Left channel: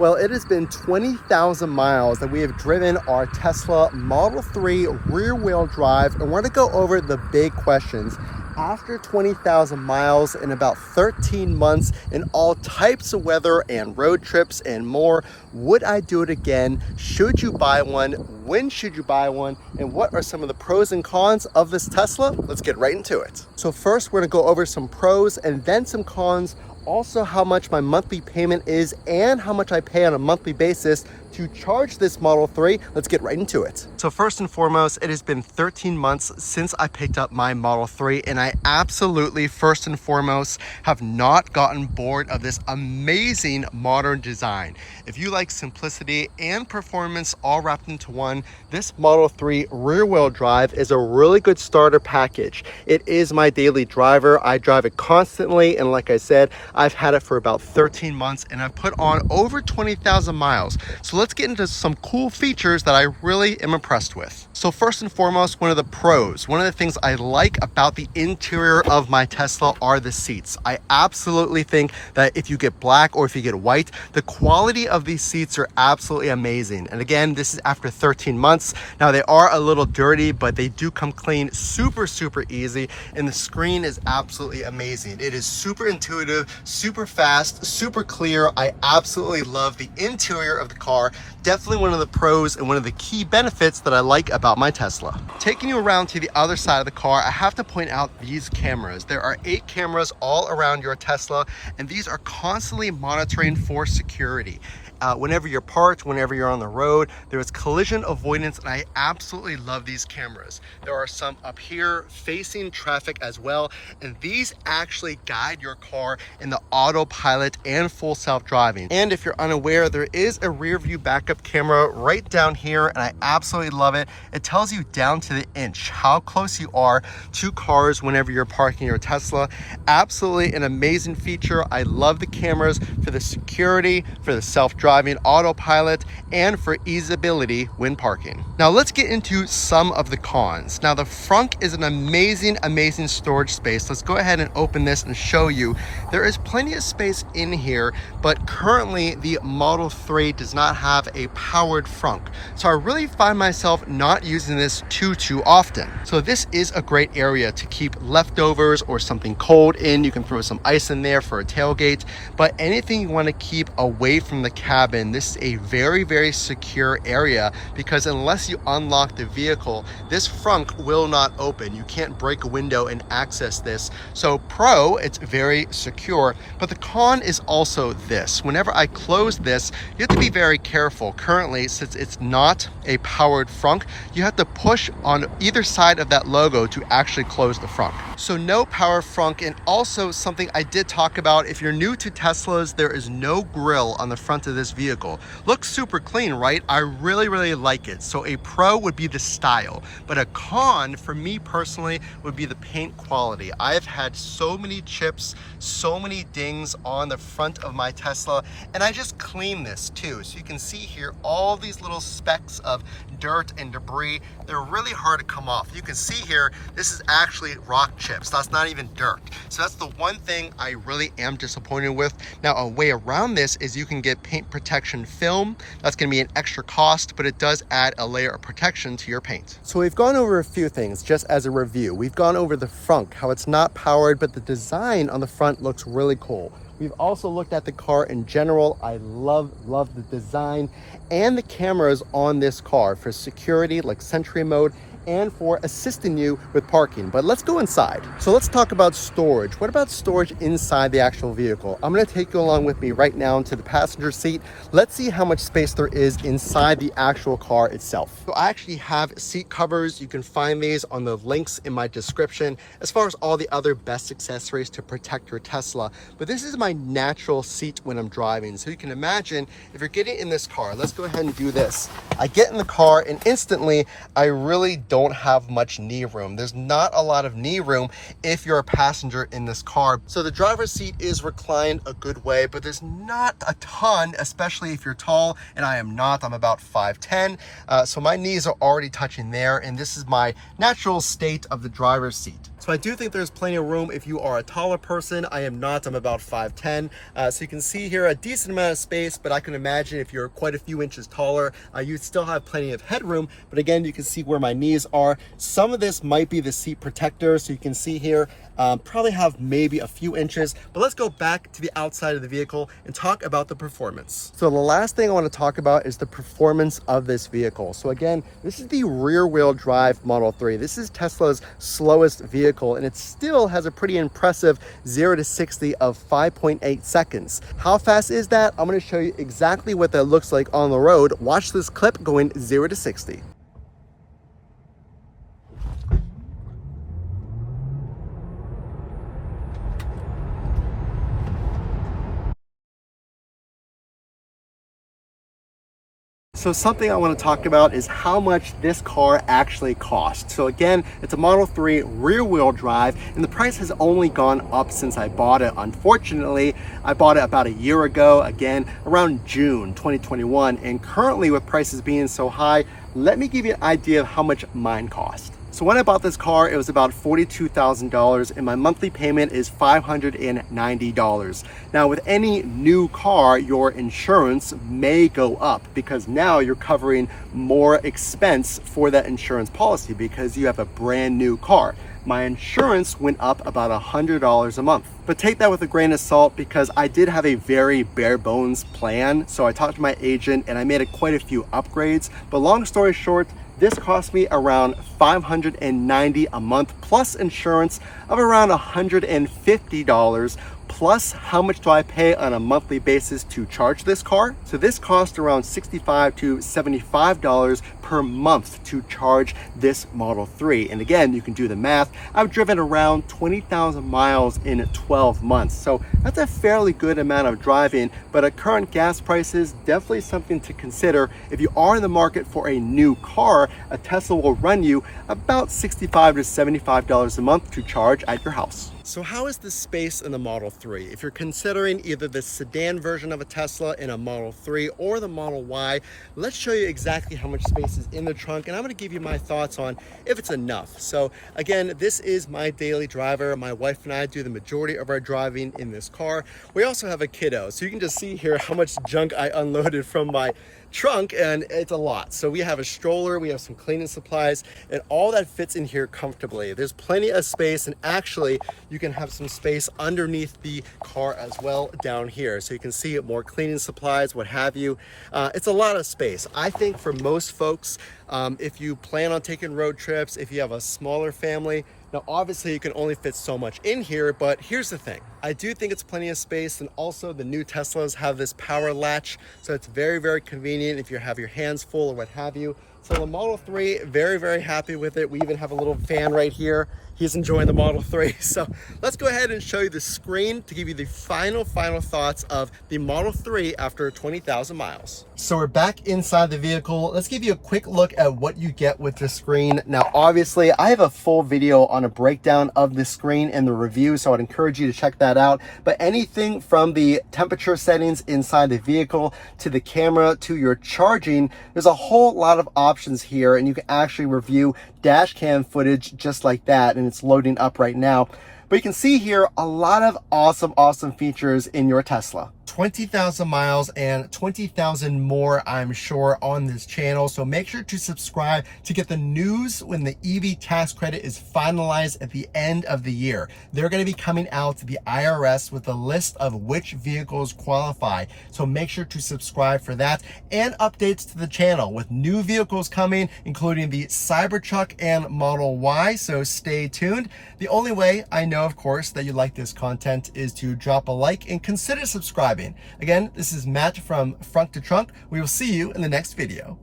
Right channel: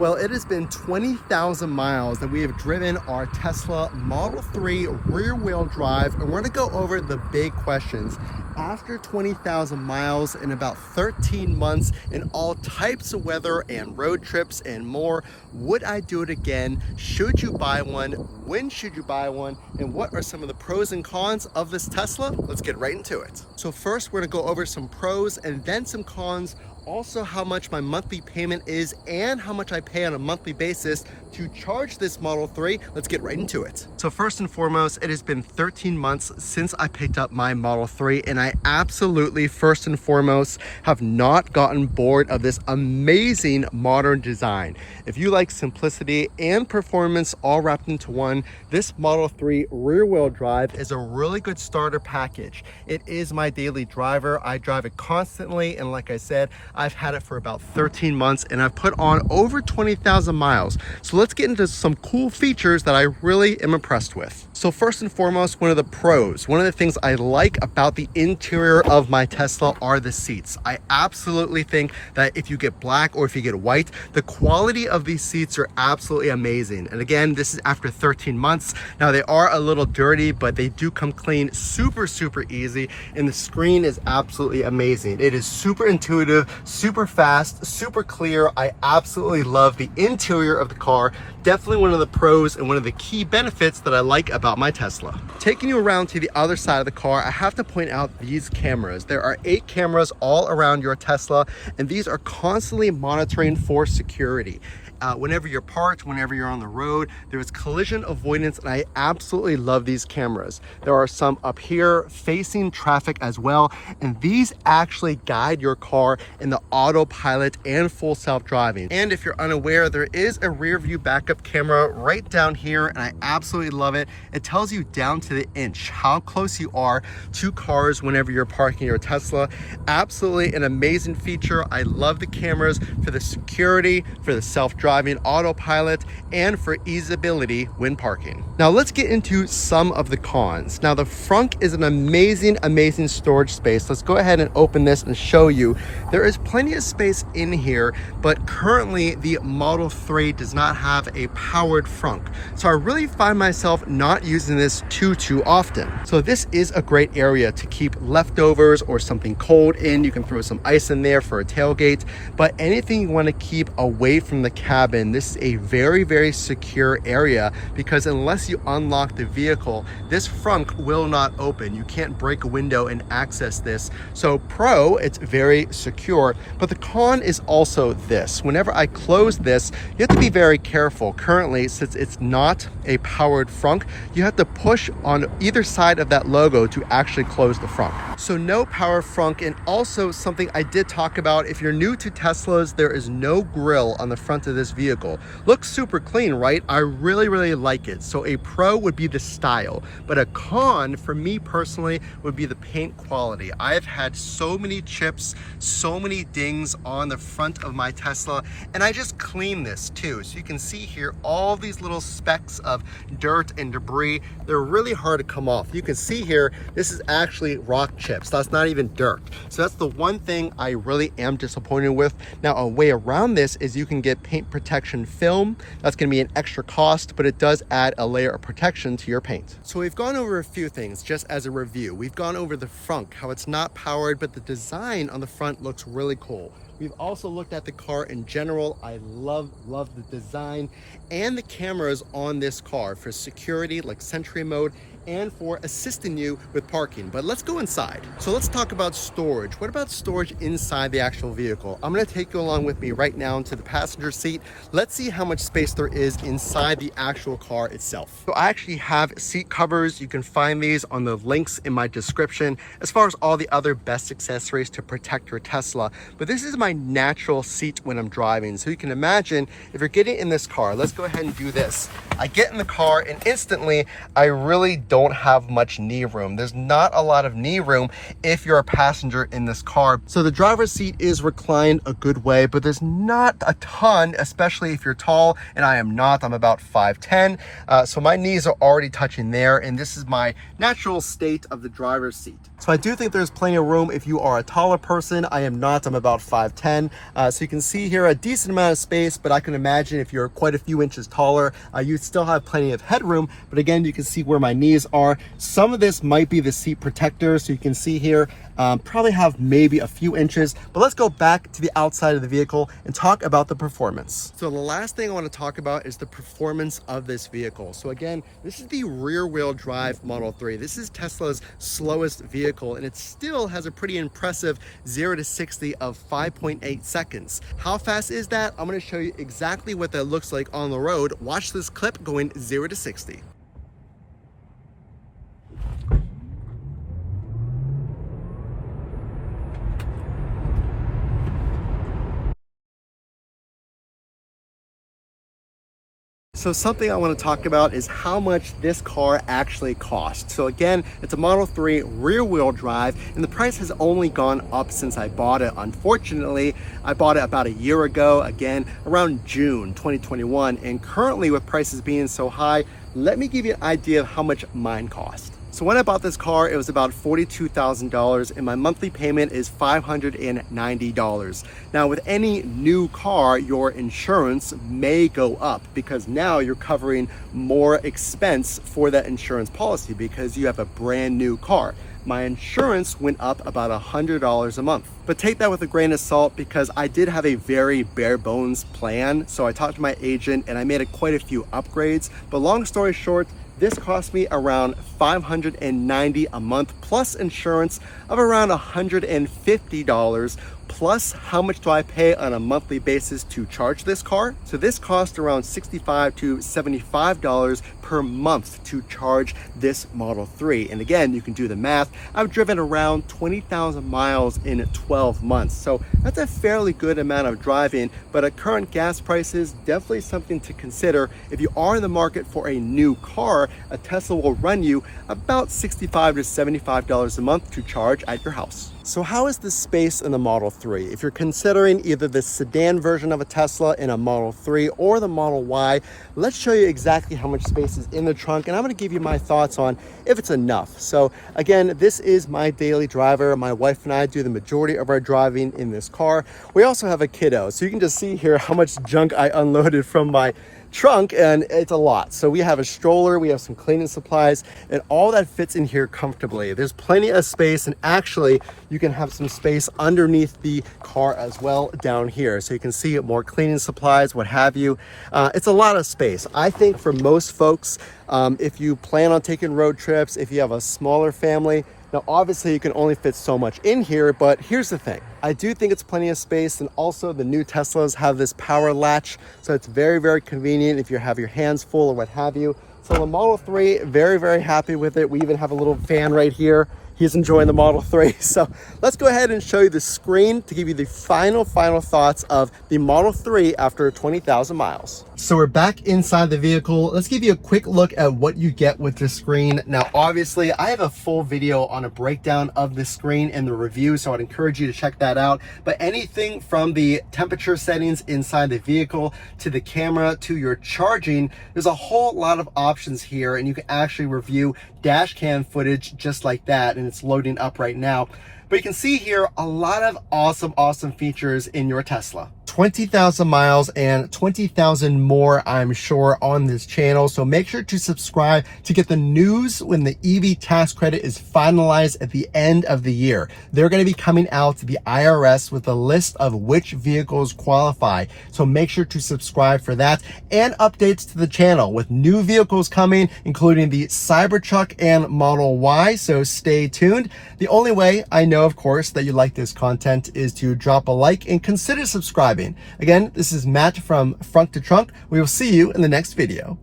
Well, it has been 20,000 miles that we have driven our Tesla Model 3 rear-wheel drive, and we're going to go over the big questions. After 20,000 miles in about 13 months in all types of weather and road trips and more, would I do it again? Should you buy one? When should you buy one? And what are some of the pros and cons of this Tesla? Let's get right into it. So first, we're going to go over some pros and then some cons. Also, how much my monthly payment is and how much I pay on a monthly basis to charge this Model 3. Let's get right into it. So first and foremost, it has been 13 months since I picked up my Model 3, and I absolutely, first and foremost, have not gotten bored of this amazing modern design. If you like simplicity and performance all wrapped into one, this Model 3 rear-wheel drive is a really good starter package. It is my daily driver. I drive it constantly, and like I said, I've had it for about 13 months and I've put on over 20,000 miles. So let's get into some cool features that I really am impressed with. So first and foremost, one of the pros, one of the things I like about the interior of my Tesla are the seats. I absolutely think that if you get black or if you get white, the quality of these seats are absolutely amazing. And again, this is after 13 months. Now they are a little dirty, but they do come clean super easy. And the screen is absolutely amazing. It is super intuitive, super fast, super clear. I absolutely love the interior of the car. Definitely one of the pros and one of the key benefits that I like about my Tesla. Taking you around to the other side of the car, I have to point out these cameras. There are 8 cameras all around your Tesla, and these are constantly monitoring for security. Whenever you're parked, whenever you're on the road, there is collision avoidance, and I absolutely love these cameras. There are some up here facing traffic as well, and these actually guide your car in the autopilot and full self-driving. And if you're unaware, there is a rear view backup camera right down here, and I absolutely love it. It tells you down to the inch how close you are to cars whenever you're parking your Tesla. Absolutely an amazing feature. I love the cameras for the security, for the self-driving, autopilot, and for easeability when parking. Now let's get into some of the cons. Now the front is an amazing storage space. Let's go ahead and open this and show you. There is plenty of space in here, but currently the Model 3 does not have a powered front. So I really find myself not using this too often. So this is a great area to keep leftovers or something cold in. You can throw some ice in there for a tailgate, but anything you want to keep away from the cabin, this is a very secure area, because unless you unlock the vehicle, this front will not open. You can't break a window and access this. So pro, it's very secure, but the con is also this. Whenever I close this, you have to be very careful. Currently, since it's not a powered front, you have to push on either side of that logo to actually close the front. So no power front. And also something I did talk about, if you're new to Teslas, there is no grille on the front of this vehicle. Looks super clean, right? I really like it. So a pro would be the style, but a con for me personally would be the paint quality. I've had so many chips, so many dings on the front of my Tesla, and I just cleaned this too. So you can see here all these little specks of dirt and debris. They're really hard to come off. You can see here, this is actually rock chips. That's not even dirt. So that's the one thing I really am disappointed with. Now a way around this is you can get paint protection film. That's going to be an extra cost, but it does add a layer of protection to your paint. So we've gone over a few things just as a review. We've gone over the front, how it's not powered, but the design on the front looks really cool. We've also looked at the car in general. I love the design and the cameras on this car for security, like Sentry mode, and for assisting you with parking. But let's go inside. So let's talk about storage. What about storage inside the actual vehicle? I'm going to take you along with me right now into the passenger seat. Let's see how much space there is inside the actual car itself. So I actually have seat covers. You can find these on the links in my description, as far as all the other best accessories to protect your Tesla. But this is my natural seat when I'm driving. So you can imagine if you're getting in this car, let's go ahead and do this. I get in the car and instantly I really don't have much knee room. There's not a lot of knee room if you're a passenger in this car. So the driver's seat is reclined a good way, but there's not a ton, especially if you're tall, and I am not. I'm about 5'10", so my knees are already touching there, and this is my natural state of the driver's seat. So I do think there's plenty of room if you are a taller person. I am not, I'm about 5'10". So you can see here a decent amount of space, but I can imagine if you're quite a few inches taller, you'd still have plenty of headroom. But again, you can see where my knees are. Some of this might be the seat protector. So you can see here, probably have maybe a few inches, but let's go back to the outside of the vehicle and talk about the performance. So the last thing I want to talk about is the performance of this vehicle. So again, this is the rear wheel drive Model 3. This is Tesla's slowest vehicle, and it still has a pretty impressive 0 to 60 of 5.8 seconds. How fast is that? I'm going to show you exactly what that looks like on the road. Watch this clip going 0 to 60. So something I want to talk about is how much this car actually costs. So again, it's a Model 3 rear wheel drive, and the price has only gone up since I bought it. Unfortunately, I bought it about a year ago, again, around June 2021. And currently with prices being so high, let me give you an idea of how much mine cost. So when I bought this car, it was about $42,000 and my monthly payment is $590. Now with any new car, your insurance may go up because now you're covering more expense for that insurance policy because you have a brand new car. My insurance went up about $100 a month. But take that with a grain of salt because I did have a very bare bones plan. So I talked to my agent and I made quite a few upgrades. But long story short, this cost me around $590 a month plus insurance of around $150. Plus, how much do I pay on a monthly basis to charge this car? So this costs around $65 to $75 per month to charge this Model 3. And again, you can do the math. I've driven around 20,000 miles in 12 months. So that's a fairly good amount of driving, but at current gas prices, definitely something to consider. If you are in the market for a new car, a Tesla will run you about $65 to $75 a month to charge at your house. So how is the space in the Model 3? If you're considering either the sedan version of a Tesla in a Model 3 or the Model Y, let's show you exactly how much space is in the trunk, and I'm going to give you my thoughts on if it's enough. So again, this is my daily driver. My wife and I do the majority of our driving in this car. We also have a kiddo, so you can just see here how much junk I unloaded from my trunk, and it's a lot. So we have a stroller, we have some cleaning supplies, and all that fits in here comfortably. There's plenty of space, and actually you can have some space underneath the car as well down here. So you can see more cleaning supplies, what have you. It's a lot of space. I think for most folks, if you plan on taking road trips, if you have a smaller family, now obviously you can only fit so much in here, but here's the thing. I do think it's plenty of space, and also the new Teslas have this power latch, so it's very, very convenient if you have your hands full or what have you. So the Model 3, very, very happy with it. We even have a little fan right here. He's enjoying the Model 3. So let's go ahead and show you the screen to give you the final thoughts of the Model 3 after 20,000 miles. So we're back inside the vehicle. Let's give you a quick look at what you get with the screen. Now, obviously, I have a full video on a breakdown of the screen and the review, so I'd encourage you to check that out. But anything from the temperature settings inside the vehicle to the camera to your charging, there's a whole lot of options here, and you can actually review dash cam footage just like that, and it's loading up right now. But you can see here a lot of awesome features in your Tesla. 20,000 miles and 20,000 more, I'm sure, on this channel. So make sure to subscribe to get the news when the EV tax credit is finalized at the end of the year. They're going to be coming out to the IRS with a list of which vehicles qualify. So make sure to subscribe for that, and updates to the channel with new vehicles coming, including the Cybertruck and Model Y. So stay tuned. The only way I know, of course, that you like this content is to drop a like and consider subscribing. Again, this is Matt from Frunk to Trunk. We will see you in the next video.